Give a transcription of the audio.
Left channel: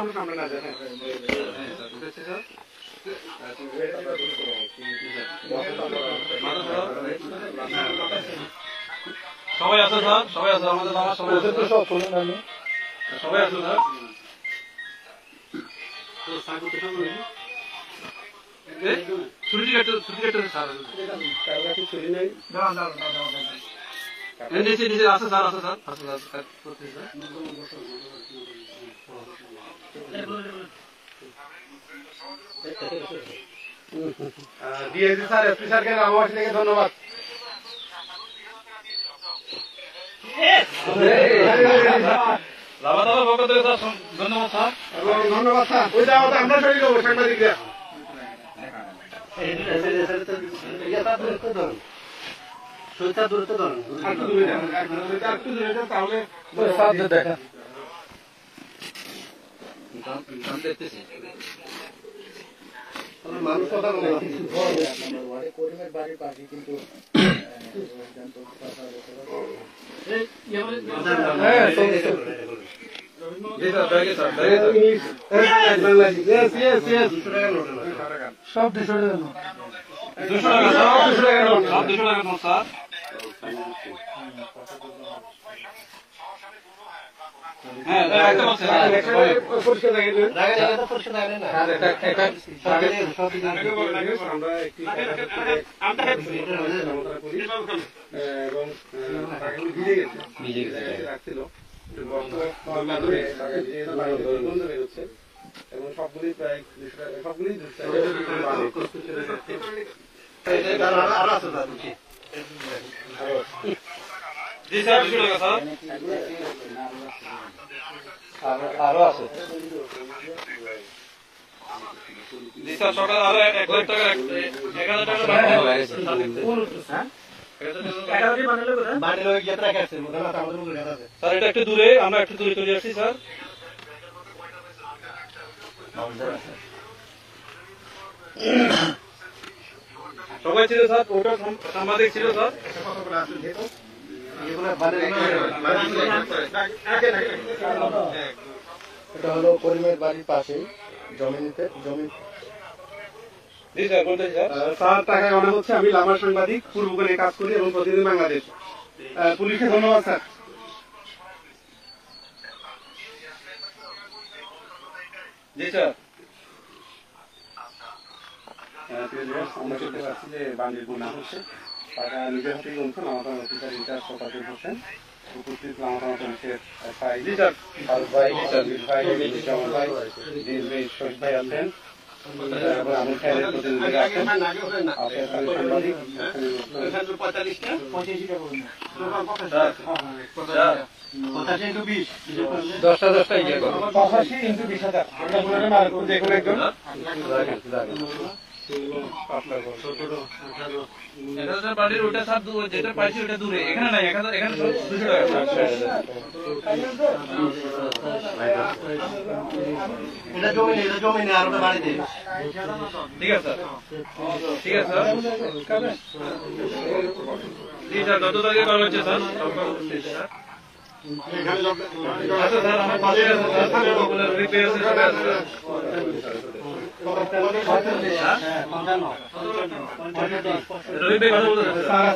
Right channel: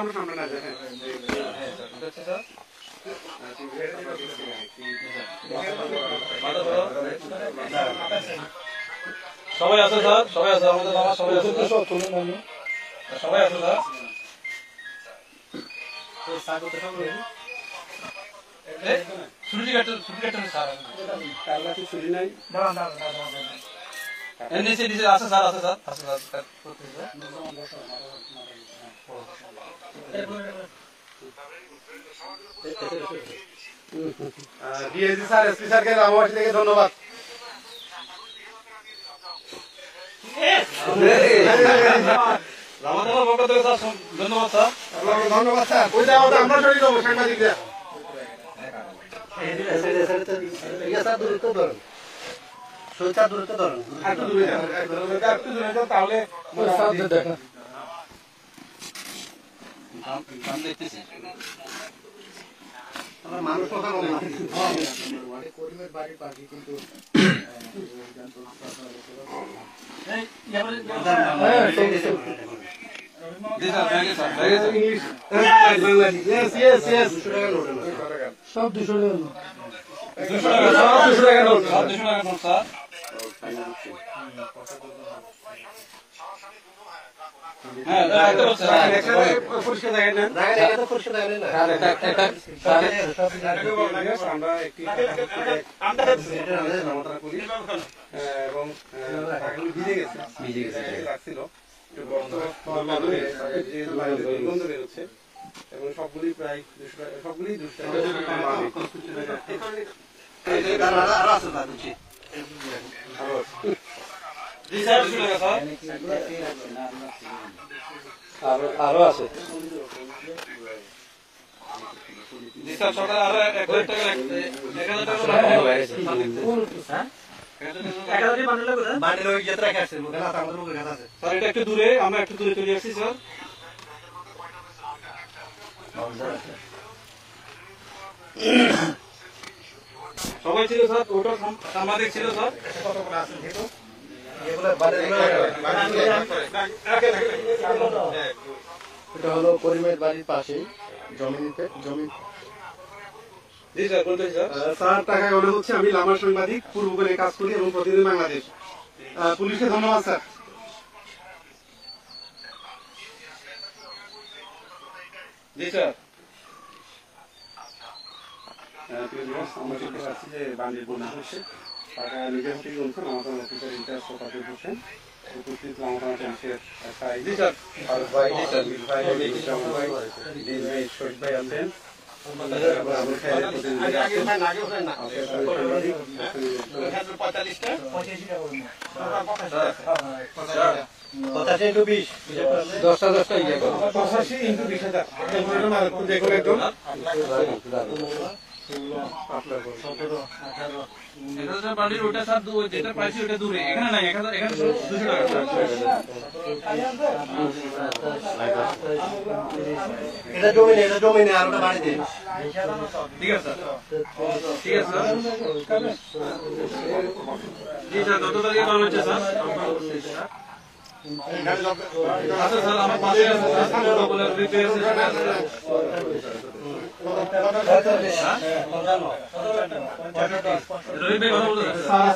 আমরা সামনে না যাই। সবাই আসো স্যার, সবাই আসো, আমাদের বাবা সবাই আসো, সবাই আসো স্যার। ছুটি কাটতে স্যার এনডিসি ডিসি আসো স্যার, আসো স্যার, আসো স্যার। ডিএসি স্যার, এসপি স্যারকে আমার থেকে ধন্যবাদ। রামাদাবার পক্ষ থেকে স্যার ধন্যবাদ স্যার, এবং ধন্যবাদ স্যার। ওইটা আমরা শরীর হবো সাংবাদিকরা। তাহলে দেখতেছি মানুষ কথা বলে সব 200 টাকা নোট। 200 টাকা, সব 200 টাকা নোট, সব 200 টাকা নোট স্যার। হ্যাঁ, একটা বলছে পরিষ্কার দেখেন এবং ভিজে গেছে রাখছিল এবং সবগুলি প্রায় সবগুলি আরো আছে সকাল আরো 1000 টাকা 1000 টাকা স্যার, এটা একটু দূরে, আমরা একটু দূরে চলে আসছি স্যার। সবাই ছিল স্যার, ওটা সাংবাদিক ছিল স্যার। এটা হলো পরিমের বাড়ির পাশে জমিতে জমি। জি স্যার, বলতে স্যার। স্যার, তাকে মনে হচ্ছে আমি লামা সাংবাদিক, পূর্বখানে কাজ করি এবং প্রতিদিন বাংলাদেশ। পুলিশকে ধন্যবাদ স্যার। জি স্যার। আমরা শুনতে পাচ্ছি যে বান্ডিল গুণা হচ্ছে, টাকা নিজের হাতেই গুনছে লামাতান অফিসার ইনচার্জ শতাব্দী হোসেন, উপস্থিত লামাতান পুলিশের এসআই জি স্যার। ফারুক ভাই, শহীদ ভাই, শহীদ ভাই আছেন, বাড়ির ওটা স্যার, যেটা পাইছি ওটা দূরে, এখানে নাই, এখানে 200 টাকা। এটা জমি নেই, আর ওটা বাড়ি দিই। ঠিক আছে স্যার, ঠিক আছে স্যার। জি স্যার, যত তারিখে করা হচ্ছে স্যার, আচ্ছা স্যার, আমার পাশে আছে স্যার, রিপেয়ার কথা বলতে